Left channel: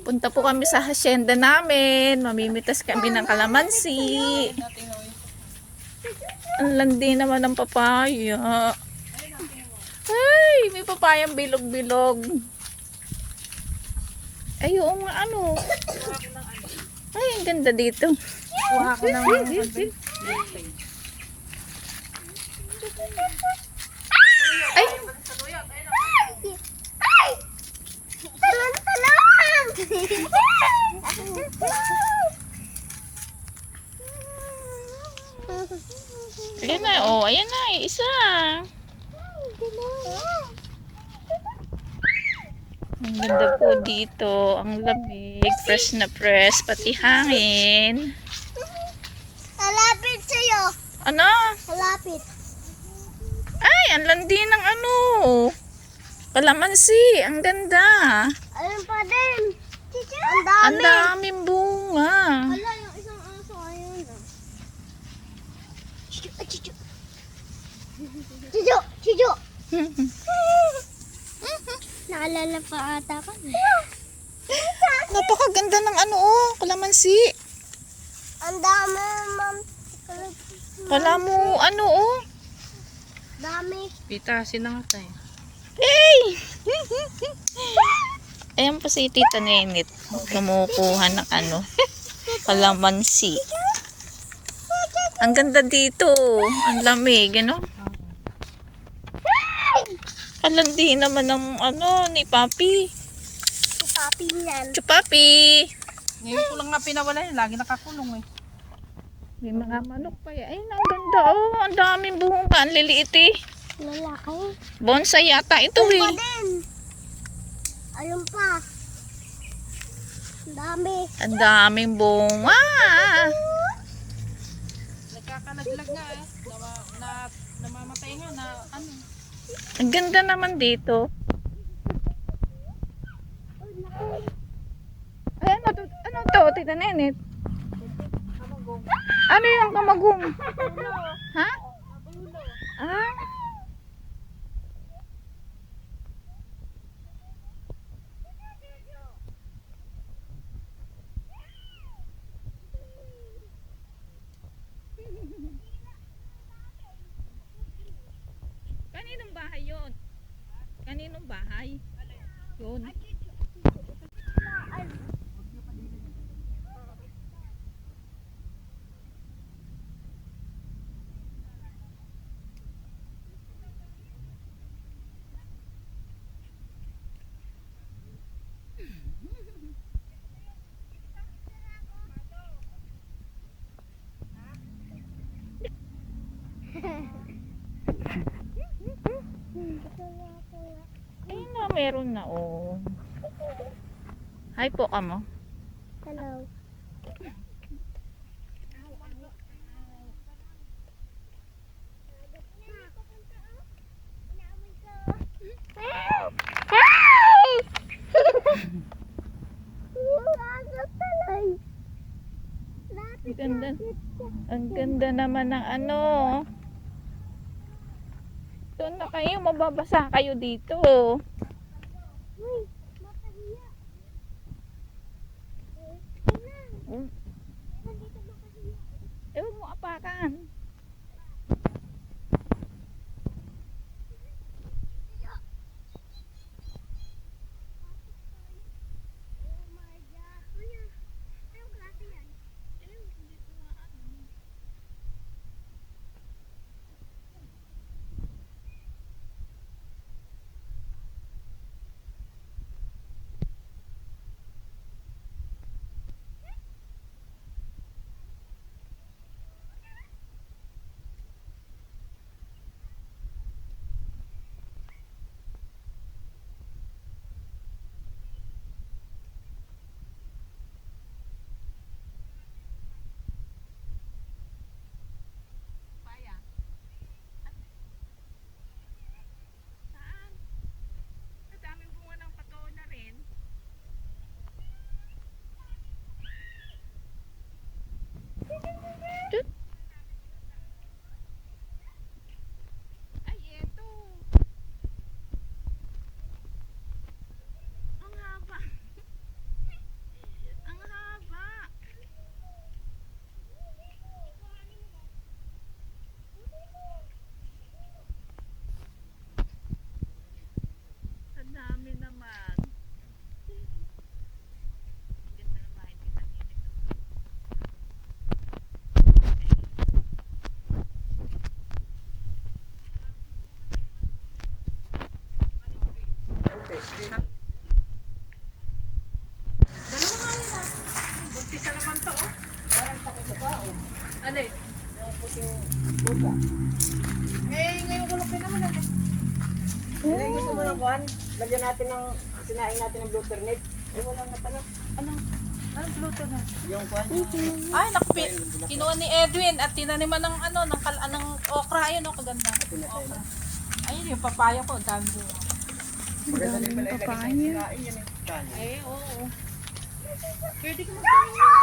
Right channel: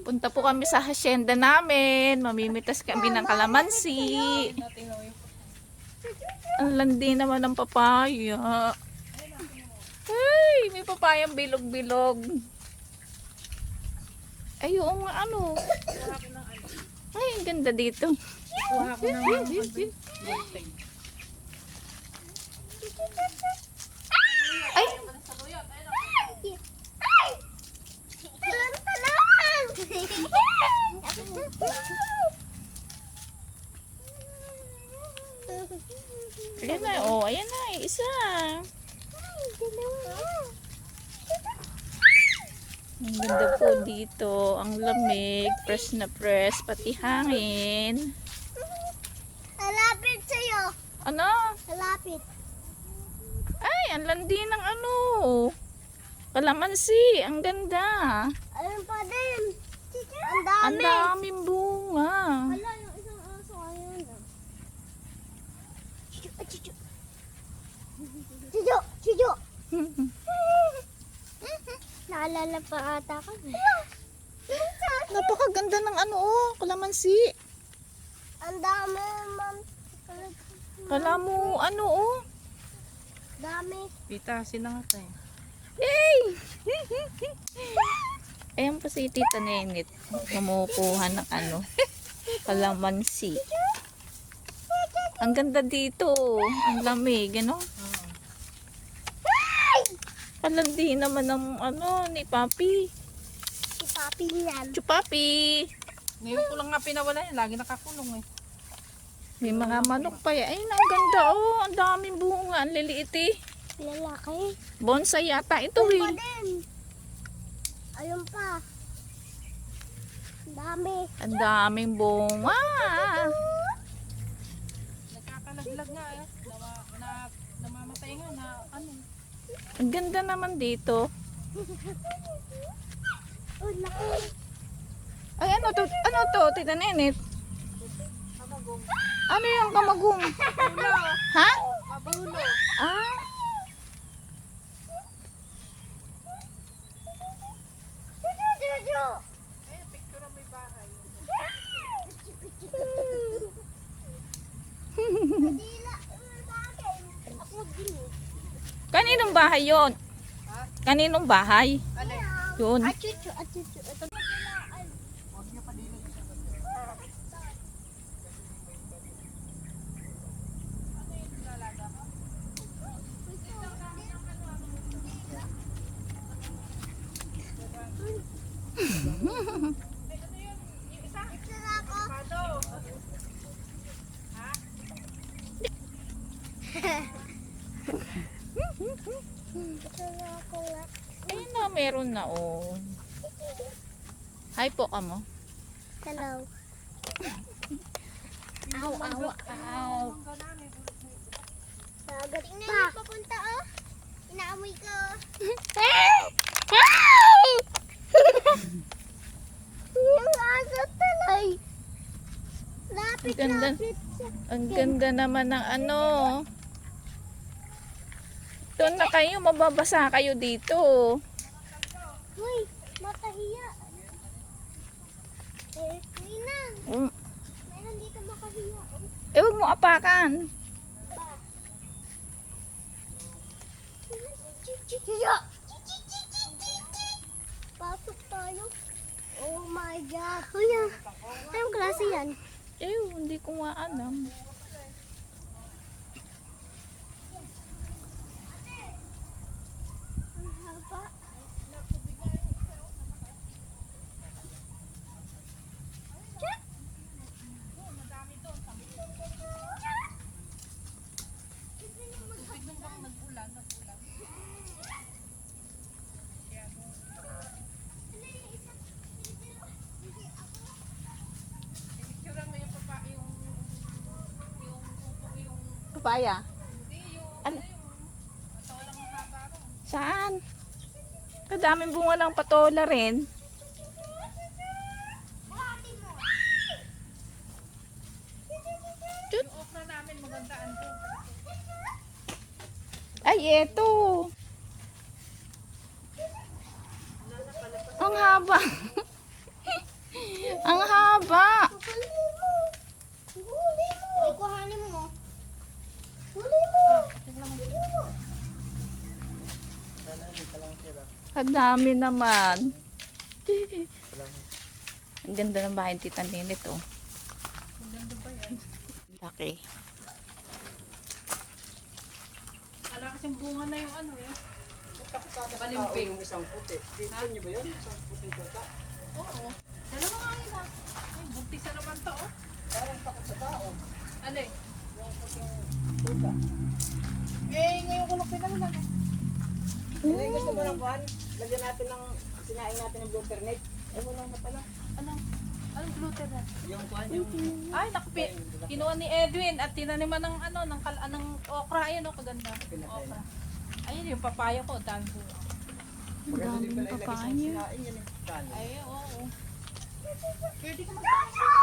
Punta po kami sa hacienda namin. Mamimitas kami ng kalamansi. Ang landi naman ng papaya. Ay, may papayang bilog-bilog. Ay, oo nga ano. Ay, ang ganda dito. Kuha ko ng Ay, ayan na. Oh, ayan na. Isa. Ang ganda po dito. Ang lamig. Fresh na fresh. Pati hangin. Malapit sa'yo. Ano? Malapit. Ay, ang landi ng ano. Kalamansi. Ang ganda. Ayun pa din. Ang Ang dami. daming bunga. Wala yung isang aso. Ayun na. Chicho. Chicho. Chicho. Chicho. Naalala pa ata ko. Napakaganda ng ano oh. Kalamansi. Ang dami, ma'am. Kala mo ano oh. Dami. pitasin na nga tayo. Hey! Ayan po si Tita Nenit. Kumukuha ng ano. Kalamansi. Ang ganda dito. Ang lamig, ano? Ang landi naman ng ano ni Papi. Papi yan. Chupapi! Ngayon ko lang nga pinawala yun. Lagi nakakulong eh. May mga manok pa yan. Ayun, ang ganda oh. Ang daming bunga. Ang liliit eh. Lalaki. Bonsai yata ito Ayun pa eh. din. Ayun pa. Ang dami. Ang daming bunga. Nagkakalaglag nga eh. Namamatay nga na ano. Ang ganda naman dito. Oh, laki. Ay, ano to? Tita Nenit? Ano yung kamagong? Ha? Ah. Kaninong bahay yon? Kaninong bahay? Yun. Achuchu, achuchu. Ito. Ayun na, meron na oh. Hi po ka mo. Hello. Ow, ow, ow. Sagat pa. Papunta oh. Inaamoy ko. Yung aso talay. Lapit, Ang ganda. lapit. Ang ganda naman ng ano. Doon na kayo, mababasa kayo dito. Uy, makahiya. Nina, Mm. meron dito makahiya. Eh, huwag mo apakan. Hiya. Pasok tayo. Oh my God. Kuya, anong klase yan? Eh, hindi ko nga alam. Ang haba. Papaya? Ano? Saan? Kadaming bunga ng patola rin. Ay, eto. haba. Ang haba. Kuhanin mo. Huli mo. Ang dami naman. Ang ganda ng bahay ni Tita Ninit, oh. Okay. Ala kasing bunga na yung ano eh. Balimbing. Oo. Dalawa nga yun ah. Buntis na naman to oh. Alay. Ngayon ko lang pinaman ano. Gusto mo ng kuhan? Lagyan natin ng, sinaing natin ng blue ternate. Wala na pala. Ano? Anong gluten na? Yung kuhan, yung Ay, nakapit. Kinuha ni Edwin at tinaniman ng ano, ng okra. Ayun o, kaganda. Okra. Ayun yung papaya ko. Dami bunga. Ang daming papaya. sinaing yan eh. Ay, oo. Pwede ko magtanim yan.